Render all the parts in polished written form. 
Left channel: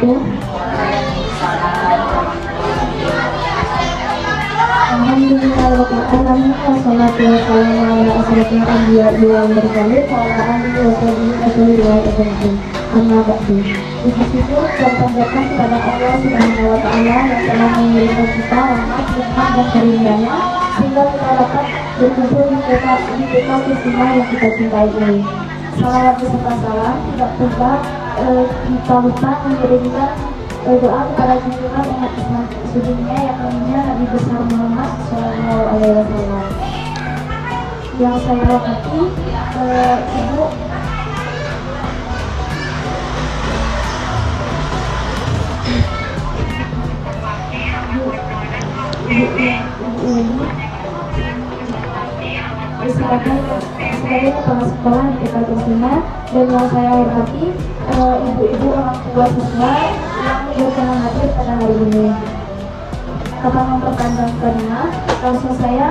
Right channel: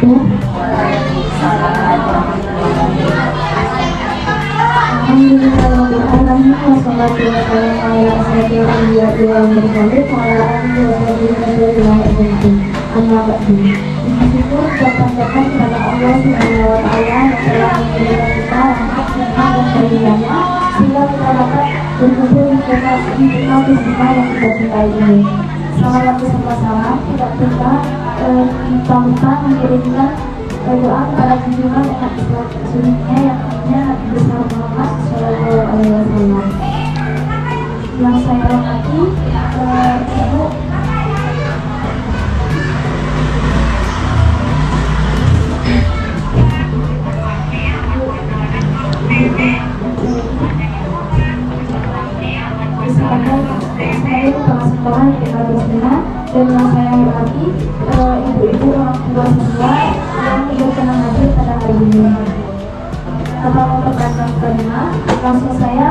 wabarakatuh. Selama kita salah, tidak lupa mengirimkan doa kepada junjungan umat seluruhnya yang namanya Nabi besar Muhammad Shallallahu Alaihi Wasallam. Yang saya hormati sebagai kepala sekolah di tingkat Muslimah, dan yang saya hormati ibu-ibu orang tua semua yang tidak pernah hadir pada hari ini. Tanpa memperpanjang cerita, langsung saja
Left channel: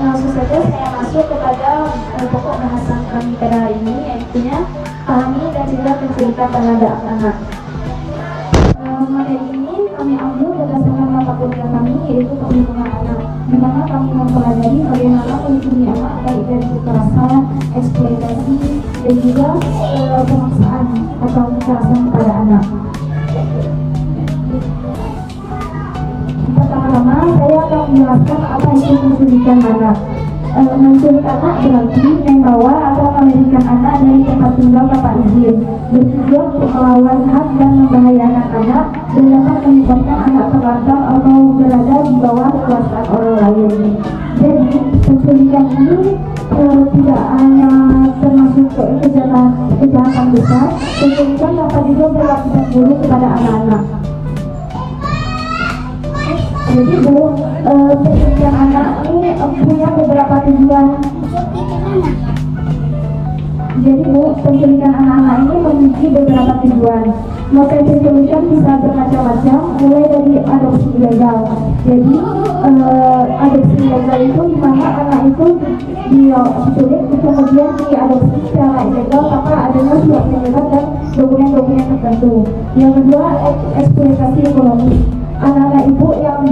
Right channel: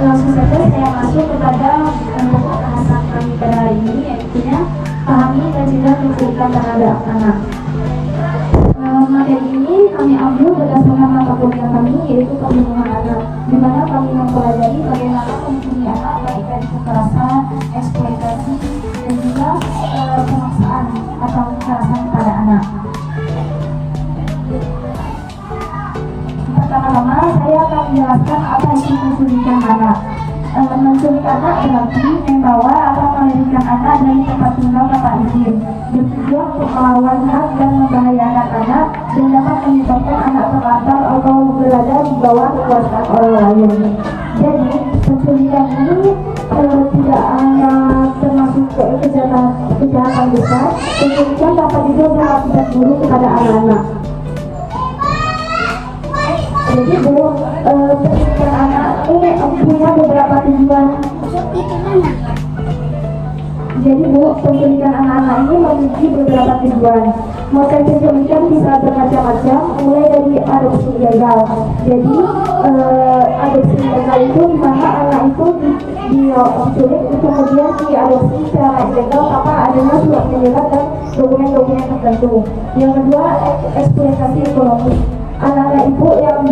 saya masuk kepada pokok bahasan kami pada hari ini, yaitu pahami dan juga pendidikan terhadap anak. Materi ini kami ambil berdasarkan mata kuliah kami, yaitu perlindungan anak, di mana kami mempelajari bagaimana melindungi anak baik dari kekerasan, eksploitasi, dan juga pemaksaan atau kekerasan kepada anak. Pertama-tama saya akan menjelaskan apa itu menculikan anak. Menculik anak berarti membawa atau melarikan anak dari tempat tinggal tanpa izin, bertujuan untuk melawan hak dan membahayakan anak, dan dapat menyebabkan anak terlantar atau berada di bawah kekuasaan orang lain. Jadi penculikan ini tidak hanya termasuk kejahatan besar, penculikan dapat juga berakibat buruk kepada anak-anak. Jadi penculikan anak ini punya beberapa tujuan. Jadi penculikan anak-anak ini memiliki beberapa tujuan. Motif penculikan bisa bermacam-macam, mulai dari adopsi ilegal. Jadi adopsi ilegal itu di mana anak itu diculik kemudian diadopsi secara ilegal tanpa adanya surat menyerah dan dokumen-dokumen tertentu. Yang kedua, eksploitasi ekonomi. Anak-anak ibu yang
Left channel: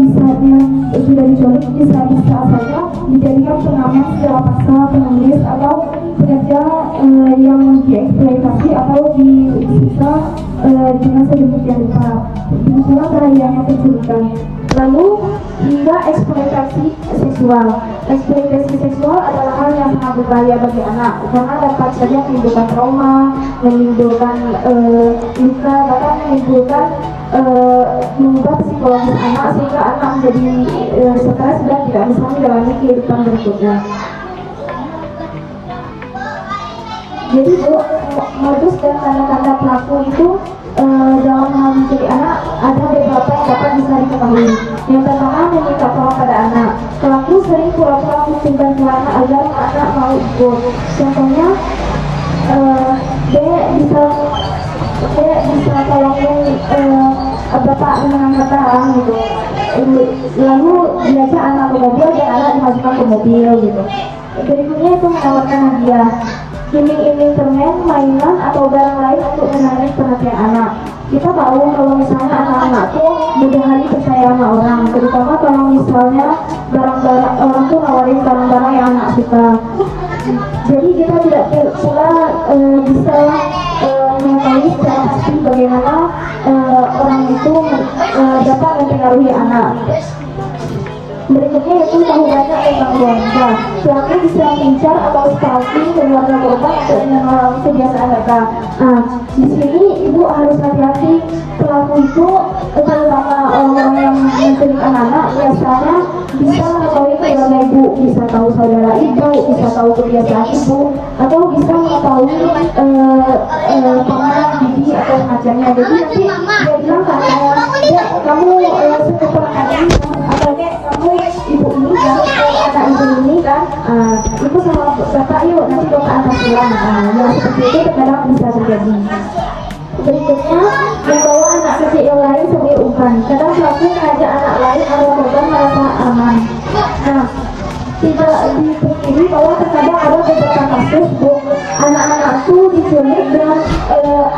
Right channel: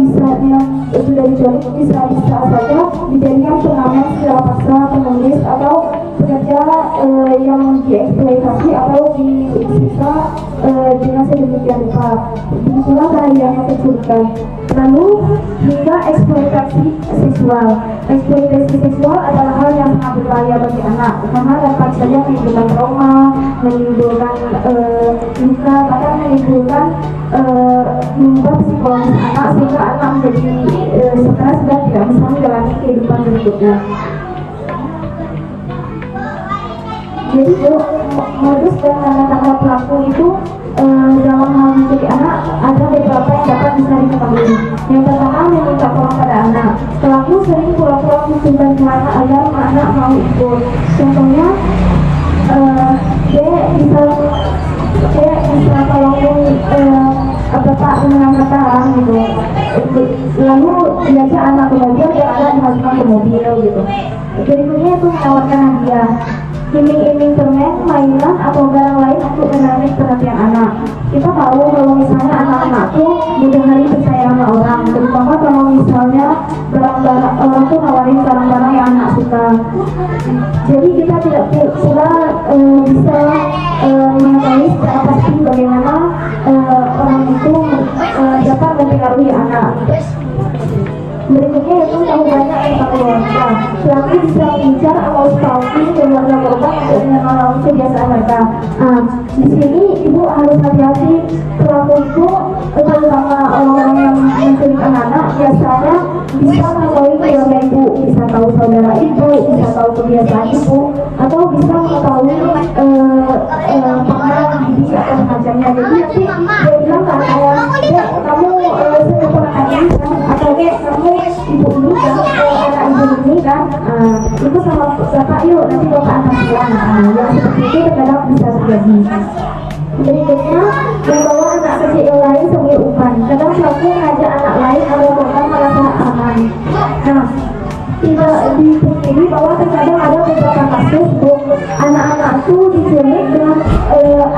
sudah diculik bisa saja dijadikan pengamen secara paksa, penulis atau pekerja yang dieksploitasi atau disiksa dengan sedemikian rupa. Begitulah bahaya penculikan. Lalu hingga eksploitasi seksual. Eksploitasi seksual adalah hal yang sangat berbahaya bagi anak karena dapat saja menimbulkan trauma, menimbulkan luka, bahkan menimbulkan mengubah psikologis anak sehingga anak menjadi stres dan tidak bisa menjalani kehidupan berikutnya. Jadi modus dan tanda-tanda pelaku itu dalam hal menjadi anak ada beberapa yang dapat bisa diketahui. Yang pertama, meminta tolong pada anak. Pelaku sering pura-pura meminta anak agar anak mau ikut. Contohnya, dia bisa tolongin bapak dengan kata gitu. Lalu diajak anak ke mobil dan anak dimasukkan ke mobil gitu. Berikutnya itu menawarkan hadiah, iming-iming permen, mainan atau barang lain untuk menarik perhatian anak. Kita tahu kalau misalnya anak-anak tuh mudah hari percaya sama orang, terutama kalau misalnya barang-barang orang tuh nawarin barang-barang yang anak suka. Jadi kita tidak cuma bisa mengetahui secara pasti bagaimana orang itu dapat mempengaruhi anak. Berikutnya itu tahu banyak tentang keluarga. Suami bisa bincang atau stalking keluarga korban untuk mengalami kebiasaan mereka. Di sini ibu harus hati-hati. Pelaku itu terutama orang yang menculik anak biasanya bisa mengetahui keluarga ibu, bisa tahu saudara ibu, bisa tahu kebiasaan ibu, atau bisa mengetahui pengalaman bibi atau pacarnya. Jadi nanti dia bilang kamu sekitar kamu ibu ini kan, kata ibu ini kan, ibu sama siapa yuk nanti kita akan pulang. Yang seperti itu terkadang bisa terjadi. Berikutnya, membawa anak kecil yang lain sebagai umpan. Kadang pelaku mengajak anak lain atau korban merasa aman. Tidak dipungkiri bahwa terkadang ada beberapa kasus anak-anak itu diculik dengan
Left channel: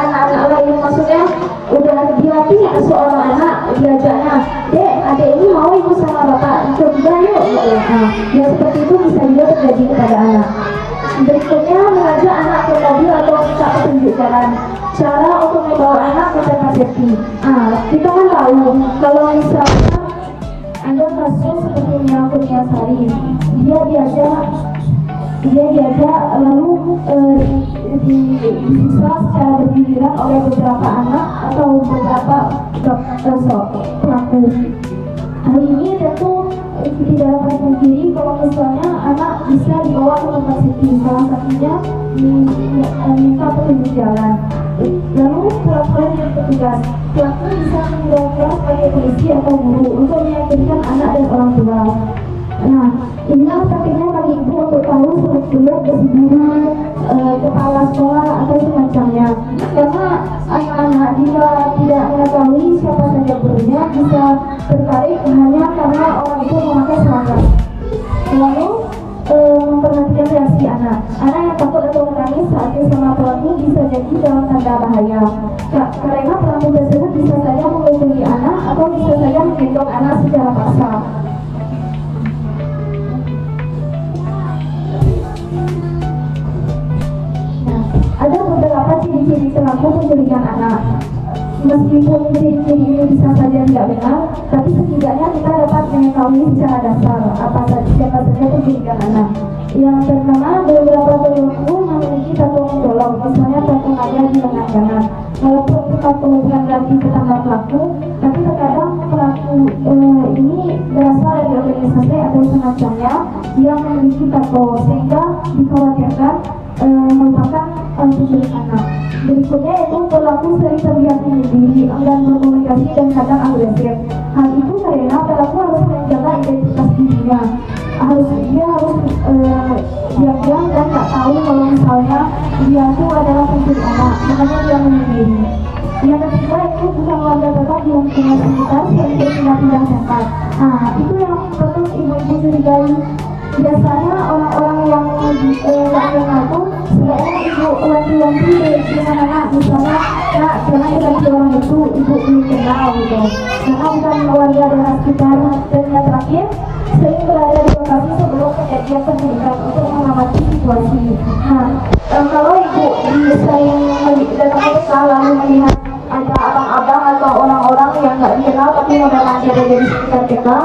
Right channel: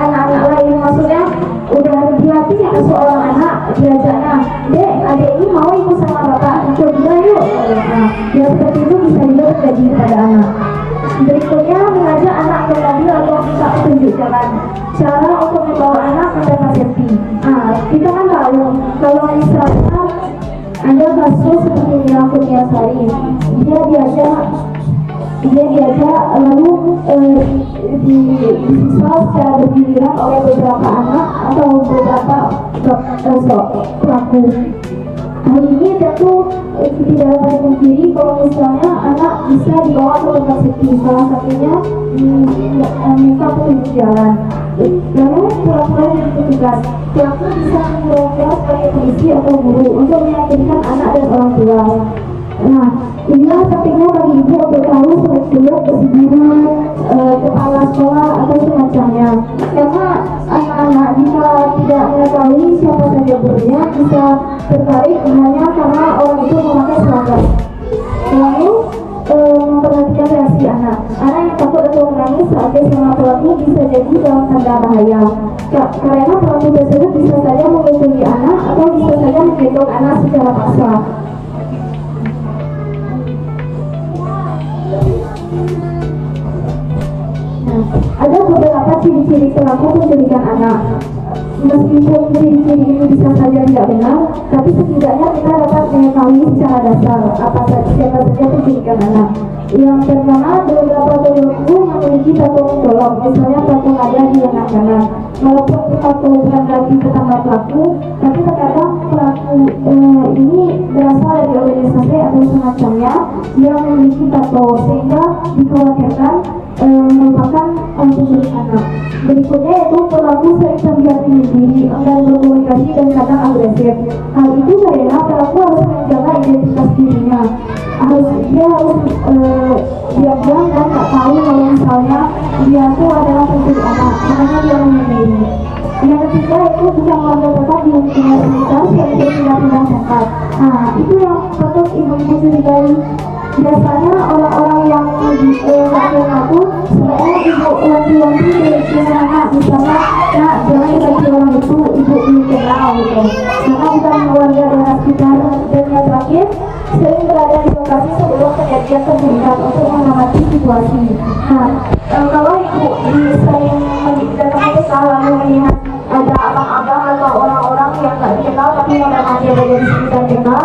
anak-anak lain, maksudnya udah dilatih seperti itu bisa juga terjadi kepada anak. Berikutnya, mengajak anak ke mobil atau minta petunjuk jalan. Cara untuk membawa anak ke tempat safety. Nah, kita kan tahu kalau misalnya ada kasus seperti yang punya saya, dia diajak lalu disiksa secara bergiliran oleh beberapa anak atau beberapa pelaku. Hal ini tentu tidak dapat dipungkiri kalau misalnya anak bisa dibawa ke tempat safety, salah satunya minta petunjuk jalan. Lalu pura-pura jadi petugas, pelaku bisa menggunakan sebagai polisi atau guru untuk meyakinkan anak dan orang tua. Nah, inilah pentingnya bagi ibu untuk tahu seluk-beluk prosedur kepala sekolah atau semacamnya. Karena anak-anak jika tidak mengetahui siapa saja gurunya bisa tertarik hanya karena orang itu memakai seragam. Lalu memperhatikan reaksi anak. Anak yang takut atau menangis saat bersama pelaku bisa jadi tanda bahaya. Karena pelaku tersebut bisa saja memukuli anak atau bisa saja menggendong anak secara paksa. Ada beberapa ciri-ciri pelaku penculikan anak. Meskipun ciri-ciri ini bisa saja tidak benar, tapi setidaknya kita dapat mengetahui secara dasar apa saja penculikan anak. Yang pertama, beberapa pelaku memiliki tato menggolong, misalnya tato ada di lengan kanan. Walaupun tato berada di tetangga pelaku, tapi terkadang pelaku ini berasal dari organisasi atau semacamnya yang memiliki tato, sehingga dikhawatirkan merupakan penculik anak. Berikutnya yaitu pelaku sering terlihat tinggi, enggan berkomunikasi dan kadang agresif. Hal itu karena pelaku harus menjaga identitas dirinya. Dia harus diam-diam dan tak tahu kalau misalnya dia itu adalah penculik anak, makanya dia menghindari. Yang ketiga itu bukan keluarga tempat di lingkungan sekitar seperti pindah-pindah tempat. Nah, itu yang patut ibu-ibu curigai. Biasanya orang-orang yang mengaku sebenarnya ibu wanti-wanti dengan anak, misalnya nak jangan bagi orang itu ibu belum kenal gitu, karena kita warga daerah sekitar. Dan yang terakhir, sering berada di lokasi sebelum kejadian penculikan untuk mengamati situasi. Nah, kalau ibu sering dalam usaha lalu melihat ada abang-abang atau orang-orang yang nggak dikenal tapi memang ada dari sekitar kita,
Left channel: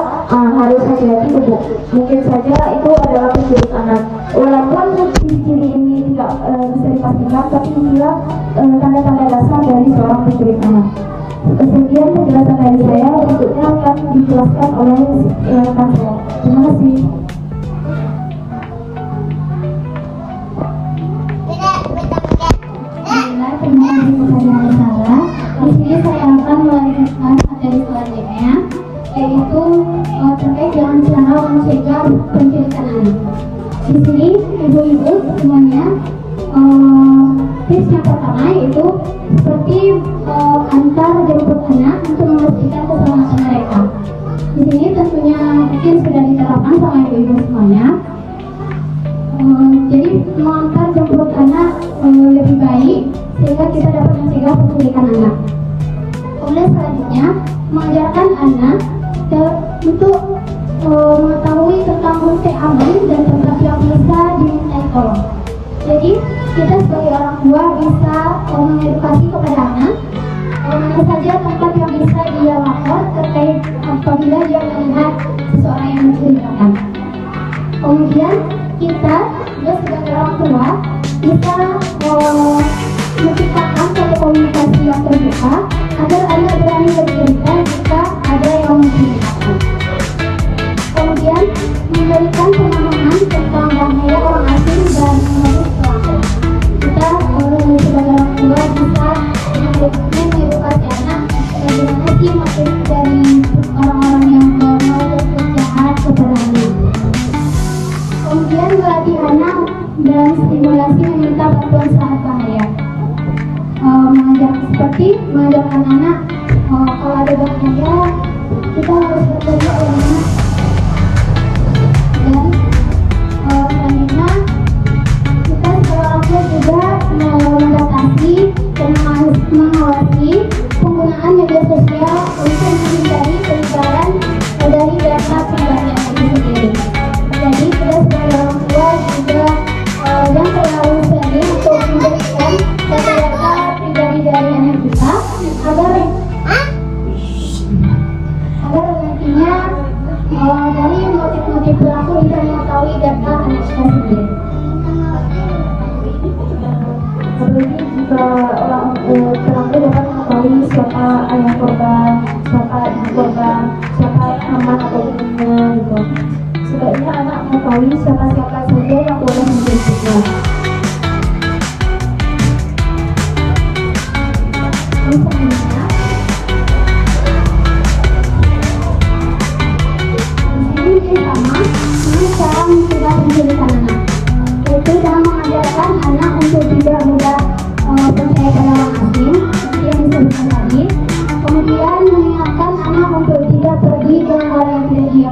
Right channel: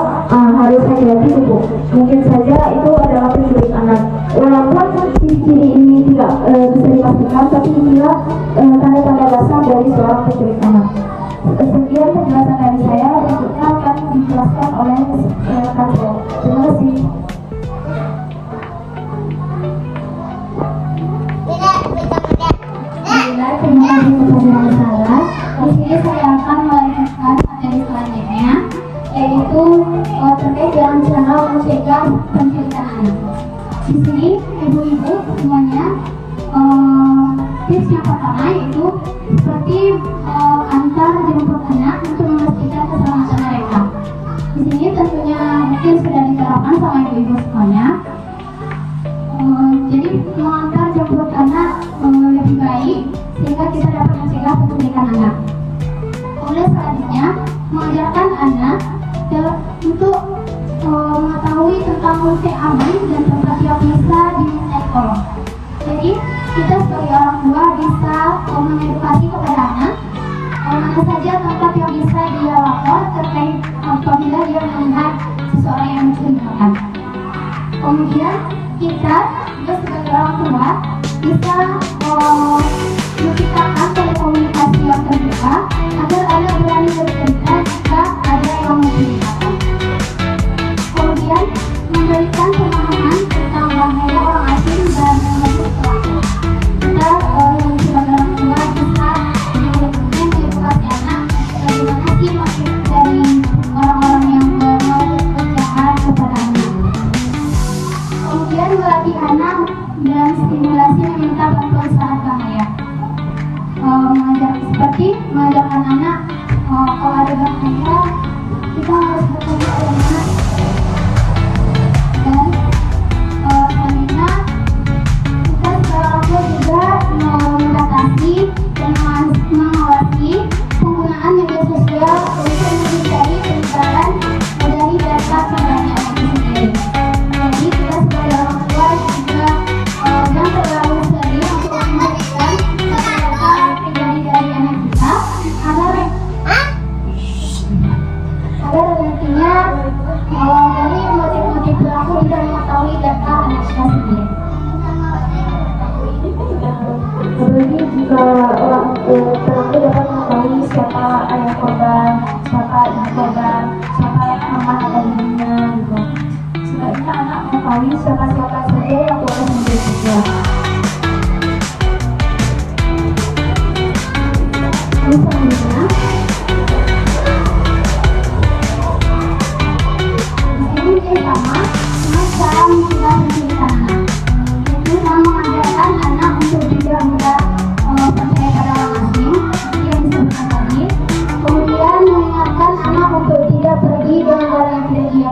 harus hati-hati ibu. Mungkin saja itu adalah penculik anak. Walaupun ciri-ciri ini tidak bisa dipastikan, tapi inilah tanda-tanda dasar dari seorang penculik anak. Sekian penjelasan dari saya, berikutnya akan dijelaskan oleh Kasih. Terima kasih. Di sini saya akan melanjutkan materi selanjutnya, yaitu terkait dengan cara mencegah penculikan anak. Di sini ibu-ibu semuanya, tips yang pertama yaitu seperti antar jemput anak untuk memastikan keselamatan mereka. Di sini tentunya mungkin sudah diterapkan sama ibu-ibu semuanya. Jadi mengantar jemput anak lebih baik sehingga kita dapat mencegah penculikan anak. Kemudian selanjutnya, mengajarkan anak untuk mengetahui tentang fungsi abri dan tempat yang bisa dimintai tolong. Jadi kita sebagai orang tua bisa mengedukasi kepada anak mana saja tempat yang bisa dia lapor terkait apabila dia melihat seseorang yang mencurigakan. Kemudian kita sebagai orang tua bisa menciptakan satu komunikasi yang terbuka agar anak berani bercerita jika ada yang mencurigakan. Kemudian memberikan pemahaman tentang bahaya orang asing dan mengenai pelaku. Kita sebagai orang tua bisa mengedukasi anak bagaimana sih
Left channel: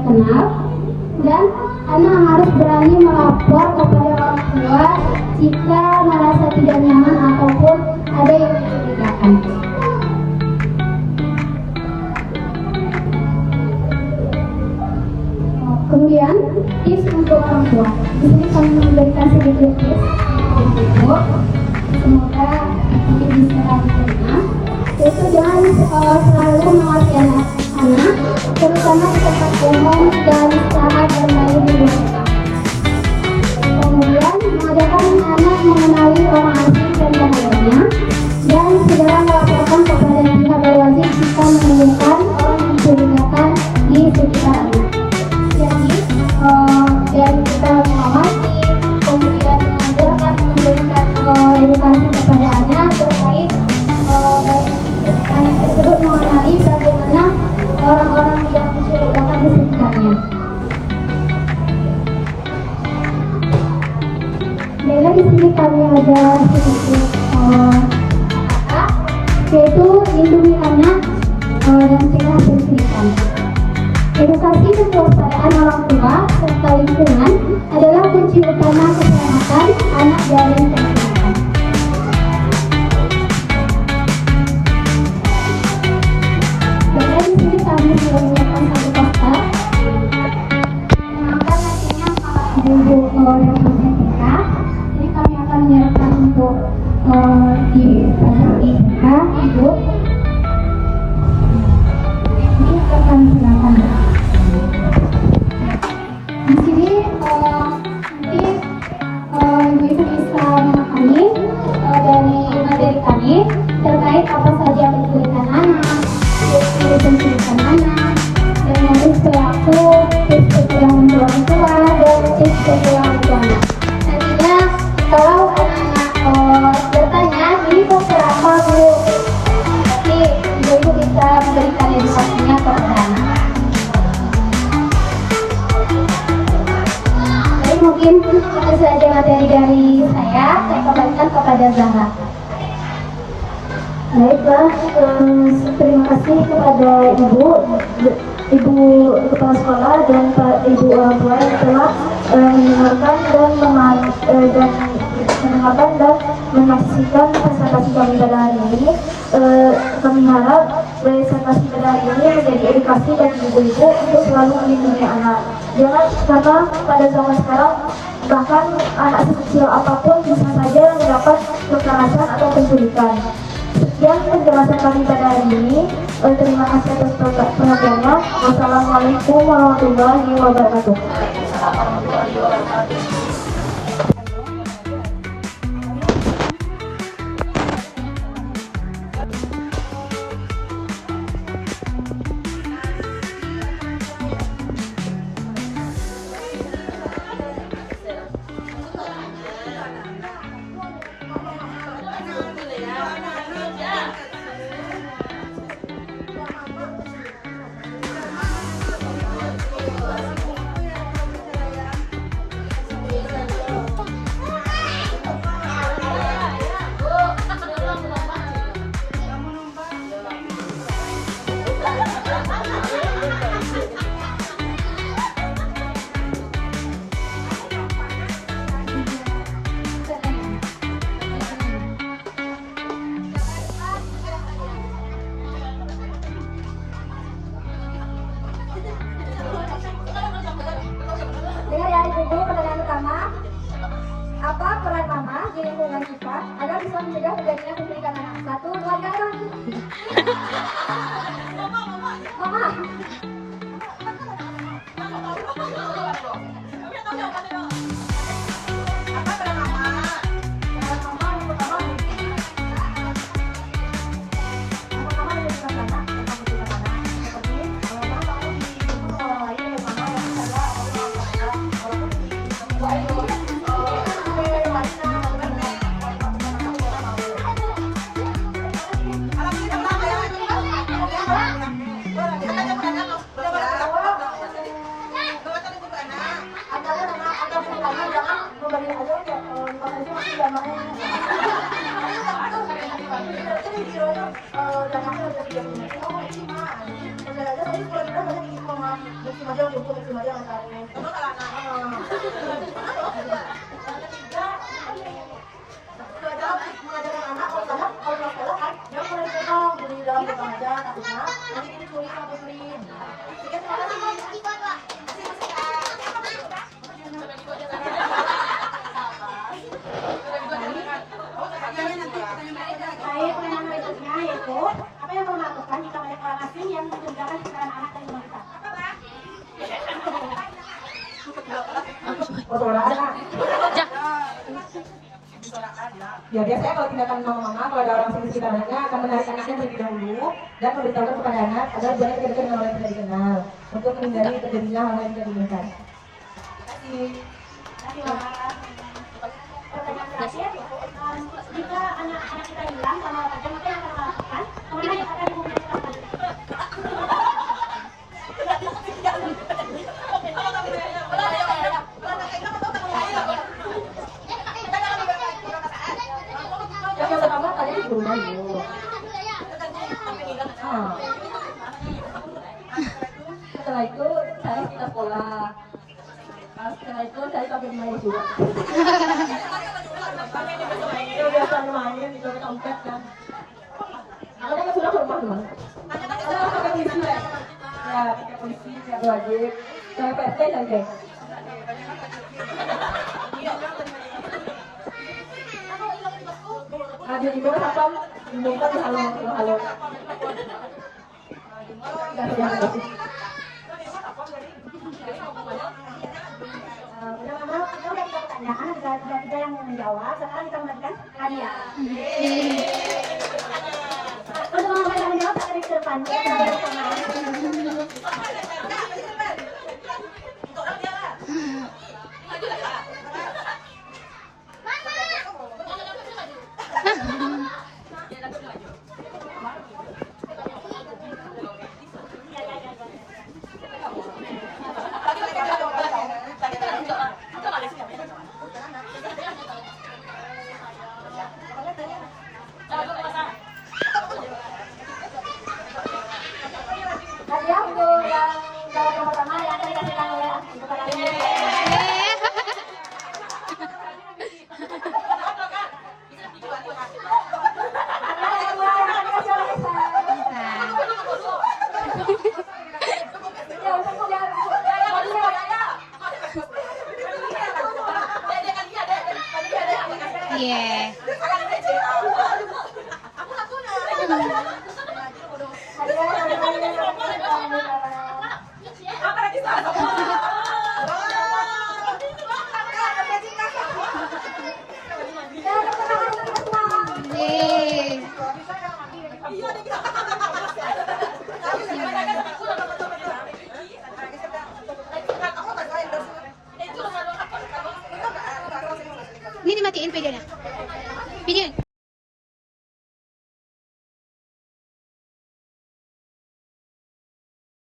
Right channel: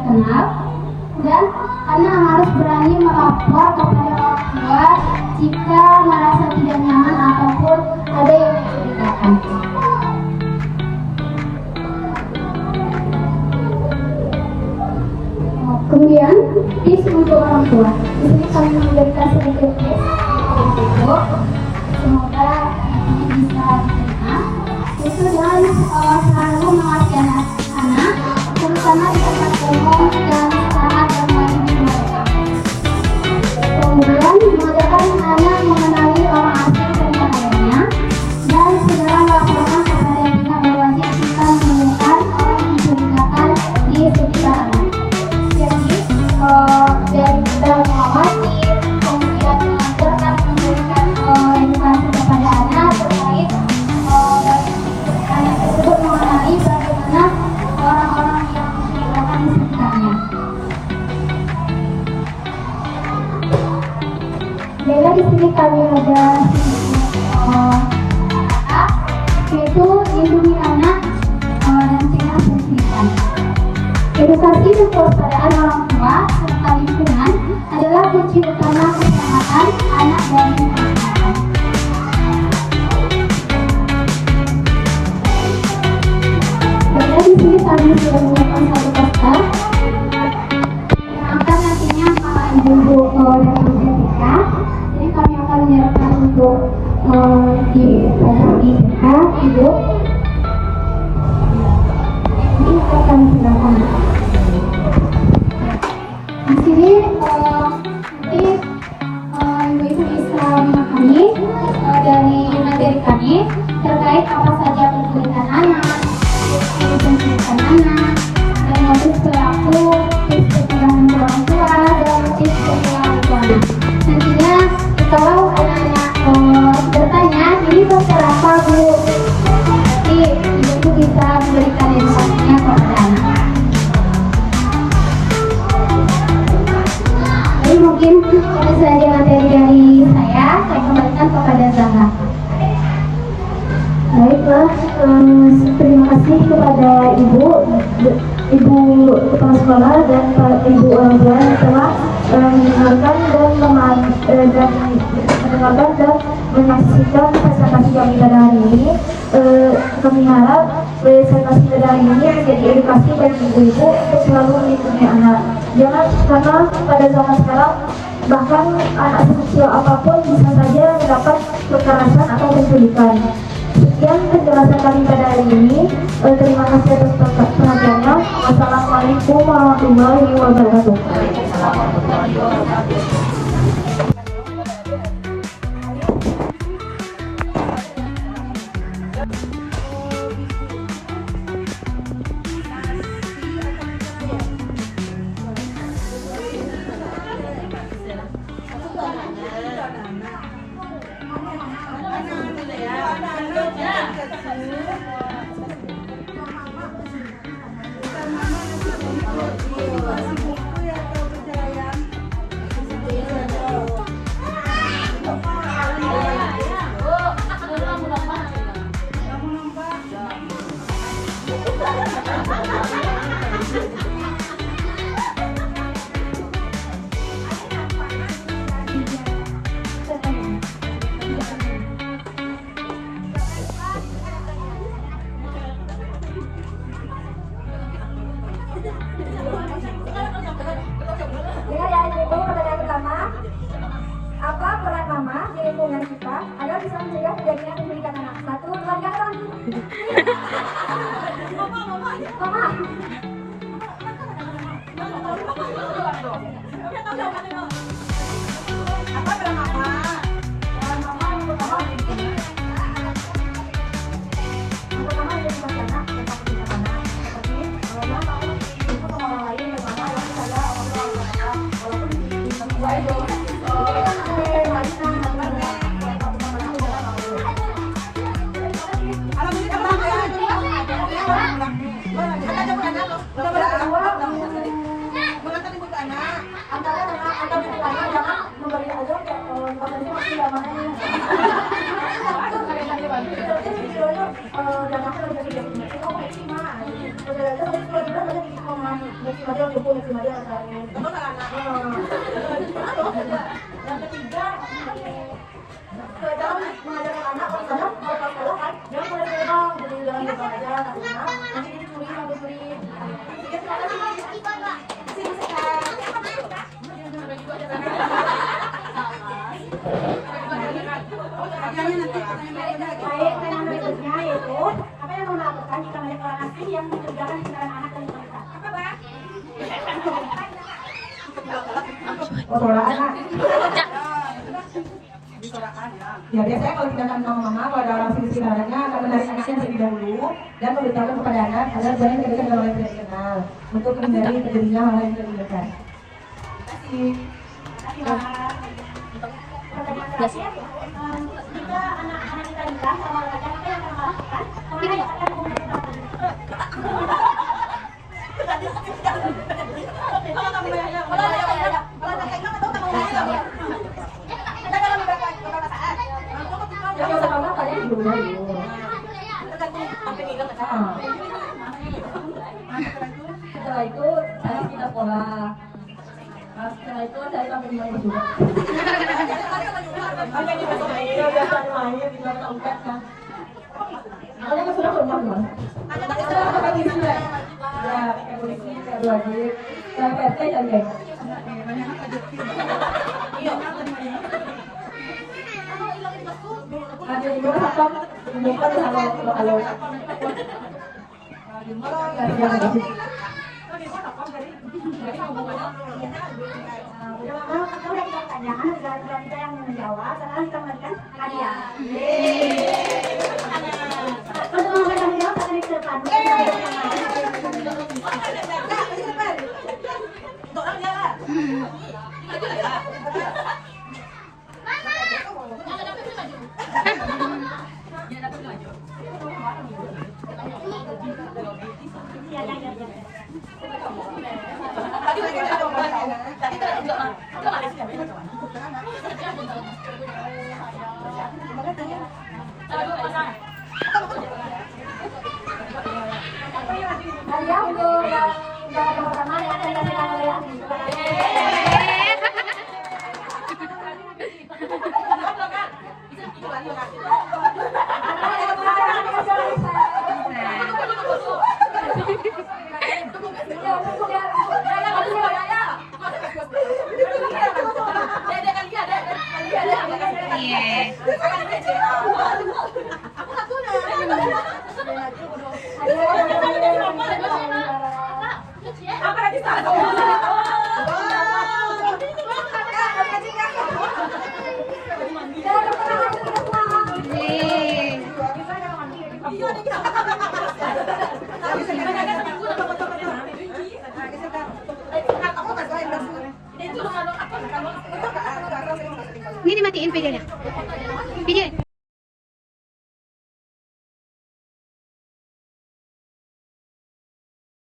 kenal, dan anak harus berani melapor kepada orang tua jika merasa tidak nyaman ataupun ada yang mencurigakan. Kemudian tips untuk orang tua. Di sini kami memberikan sedikit tips. Semoga ini bisa diterima. Itu jangan selalu mengasihani anak, terutama di tempat umum dalam istirahat dan lain sebagainya. Kemudian memudahkan anak mengenali orang asing dan bahayanya, dan segera melaporkan kepada pihak berwajib jika menemukan orang mencurigakan di sekitar anak. Dan kita mengawasi, kemudian mengajarkan, memberikan edukasi kepada anak terkait anak tersebut mengenali bagaimana orang-orang yang mencurigakan di sekitarnya. Bila di sini kami ada sedikit kata, yaitu lindungi anak dan tidak berkerikan. Edukasi dan kewaspadaan orang tua serta lingkungan adalah kunci utama keselamatan anak dari kesehatan. Dan di sini kami sudah menyiapkan satu poster yang akan nantinya para ibu-ibu dan TK. Ini kami akan menyiapkan untuk di anak TK ibu. Ini akan silakan. Di sini nanti ibu-ibu bisa memahami dari materi kami terkait apa saja penculikan anak, penculikan anak, dan modus pelaku, tips pencegahan orang tua, dan tips pencegahan anak. Nantinya kalau anak-anak bertanya, ini poster apa Bu? Nanti ibu bisa memberikan informasinya kepada anak. Jadi mungkin itu saja materi dari saya kembalikan kepada Zahra. Baiklah, terima kasih kepada Ibu Kepala Sekolah dan Ibu orang tua yang telah mendengarkan dan menyaksikan presentasi kami pada hari ini. Kami harap presentasi pada hari ini menjadi edukasi bagi ibu-ibu untuk selalu melindungi anak. Jangan, karena pada zaman sekarang bahkan anak sekecil apapun bisa saja mendapat kekerasan atau penculikan. Sekian penjelasan kami pada hari ini. Terima kasih atas perhatiannya. Wassalamualaikum warahmatullahi wabarakatuh. lingkungan kita agar bisa mencegah terjadinya penculikan anak. 1, 2, 3, Mama. ibu masih aja kamu salah anak. Yang ketiga, belajar mengajarkan anak karena kalau sekolah kan dia mulai berbang jadi dalam berbang aja takutnya nanti ini curi atau beri. Baik, tema berikutnya yaitu apa yang mengharuskan jika banyak orang asing yang mengerjakan kesalahan anak dan balita. Suara anak. Ya biasanya kalau tindakan mama kalau ada orang sini sekitarnya akan menarik anaknya terlebih dahulu dan memberitahu kepada anak agar jangan kita dengan orang yang tidak dikenal untuk menghindari terjadinya hal yang tidak diinginkan. Terima kasih. Pertanyaan terakhir, jika anak-anak kita bilang sama olahraga mungkin akan melakukan, kemana yang akan Yang pertama tadi dulu. Setelah itu saya kita sekolah. Setelah itu saya sampai main juga. Main di dalam tempat kan. Kalau nggak sudah rumah dong. Ya, kita boleh wajib. Saya PT sampai. Ada di bawah apa? Di bawah halo. Udah kita pertanyaan, udah kita yang menjawab, sekarang kita memberikan hadiah. Untuk memberikan hadiah, akan kita pandu. Hadiah untuk yang pertama yang akan diberikan oleh Ini dimatiin videonya. Video.